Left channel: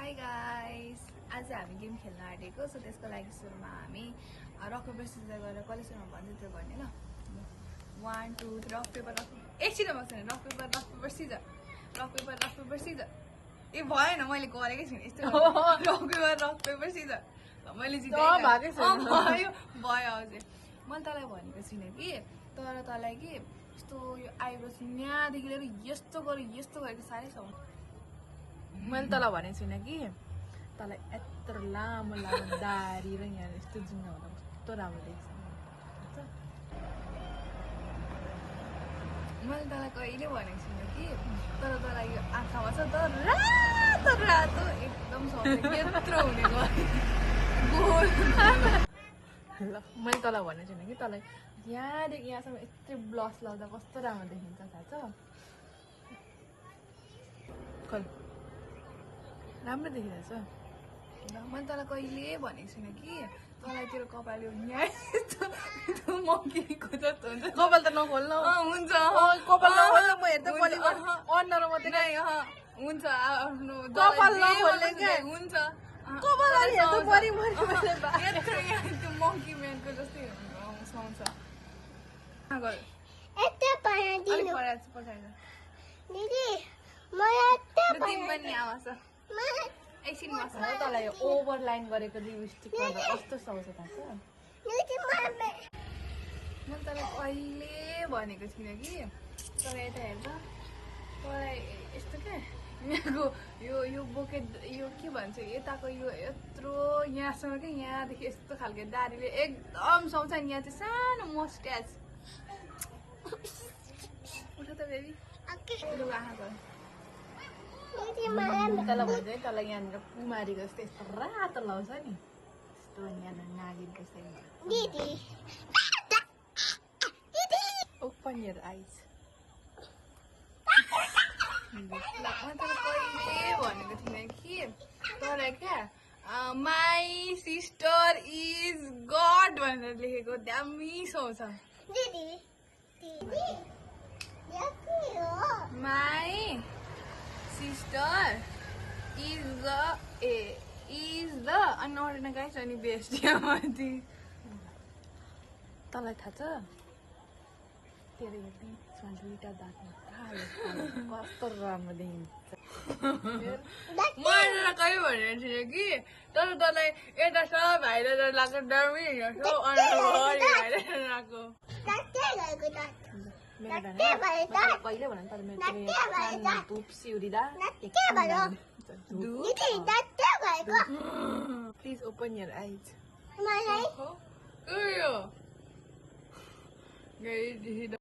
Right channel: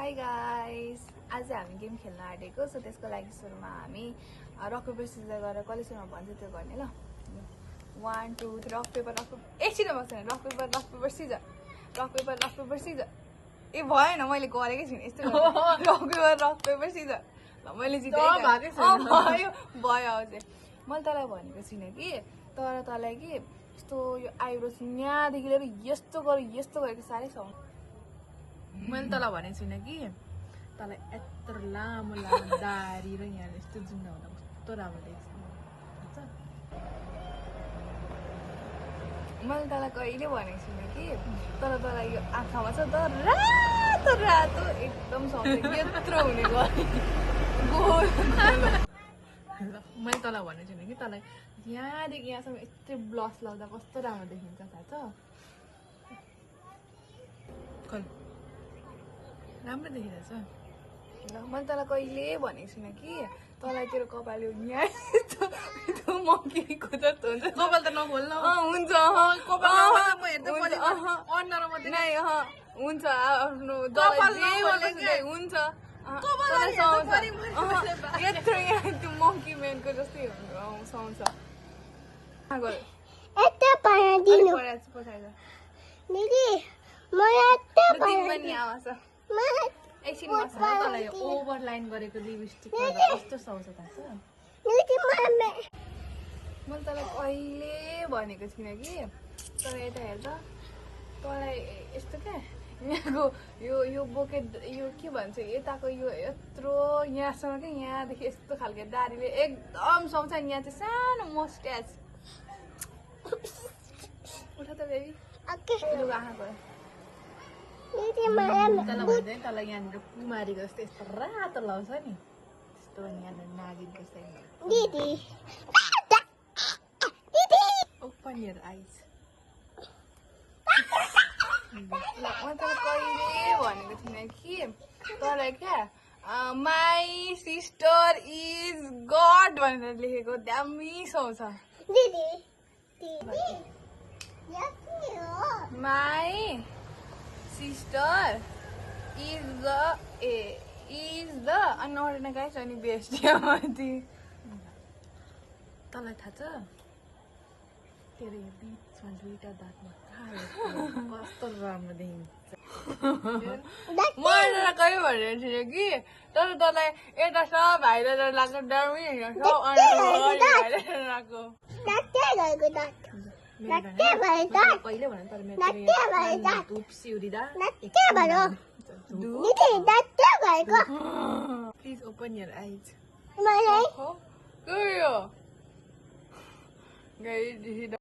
high guys, आज हामी game खेल्न आँटेको सो त्यसको लागि सुरुमा हामी रक पेपर सिजर गरेर कलेजमा भन्छ त्यो गर्ने ल 1 2 3 रक पेपर एकछिन बस्दैन रक पेपर सिजर ए भएन मैले गरेकै छैन यस्तो रक पेपर सिजर ल मैले भयो अझै मैले तँलाई भनेको छुइनँ कि तर तँलाई कि यस्तो यो आइब्रोज यहाँदेखि लिएर यस्तो गरेको साह्रै साउन्ड मैले तँलाई भनेको छुइनँ कि तँलाई यत्रो लामो लामो दारी र यहाँ यस्तो जुङ्गा हुँदा कस्तो राम्रो देख्छ थाहा छ मैले तँलाई कहिले भनेको छुइनँ कि तर तँलाई यो आँखामा छ त रातो एकदम त्यत्रो हुने ल मैले तँलाई भनेको छुइनँ कि तँलाई यहाँदेखि यहाँसम्म यस्तै ब्लस लाउँदा कस्तो राम्रो देखिन्छ थाहा छ खोल राम्रो देखिरहेछ ल मैले तँलाई कहिले भनेको छुइनँ कि तँलाई तेरो कपाल यो यहाँ यस्तो मङ्कीको जस्तो हुन्छ कपाल त नखोल न हुन्छ कपाल नखोल म हेर्दा पहिले अनुहार मात्रै हुन्छ आफ्नो कपाल नखोल्ने के हुन्छ कपाल यत्रो यहाँ त्यो मङ्की म्यानको जस्तै सुहाउँछ एकछिन तँलाई ओभर लाइन गरेको लिपस्टिक गर्दा कस्तो सुहाउँछ थाहा छ मैले तँलाई कहिले भनेको छुइनँ कि तर यता हेर्दा तँलाई यस्तो क्या यहाँको यो बोके यो के भन्छ यताको यो यत्रो यहाँसम्म क्या यहाँदेखि यस्तो खालको दारीले एकदम सुहाउँछ यहाँ चाहिँ सानो मस्ट्याच उठ त बेबी लुगा आँखा गयो तँलाई भन्छ नि तँलाई यहाँनिर कुमारीको जस्तो यस्तो रातो लाउँछ नि त्यस्तो भने यहाँनिर नागिनको साइडमा ओपन योर आइज मैले तँलाई कहिले भनेको थिइनँ कि तँलाई क्या माई सिस्टर इज गड भनेर लेखेको दामी सुहाउँछ माई सिस्टर इज द अनि अरू गाइस अनि बेस्ट तँलाई थाहा छ तेरो यो बिचमा दुईटा दाँतमा कालो कस्तो राम्रो देखिन्छ मैले तँलाई कहिले भनेको थिएँ कि तर तँलाई यता सब भाइरल लाग्छ दामी होइन सब भाइरल लाग्छ कहिले भन तर मेरो धुप सिउरिँदा प्लिज ओपन योर आइज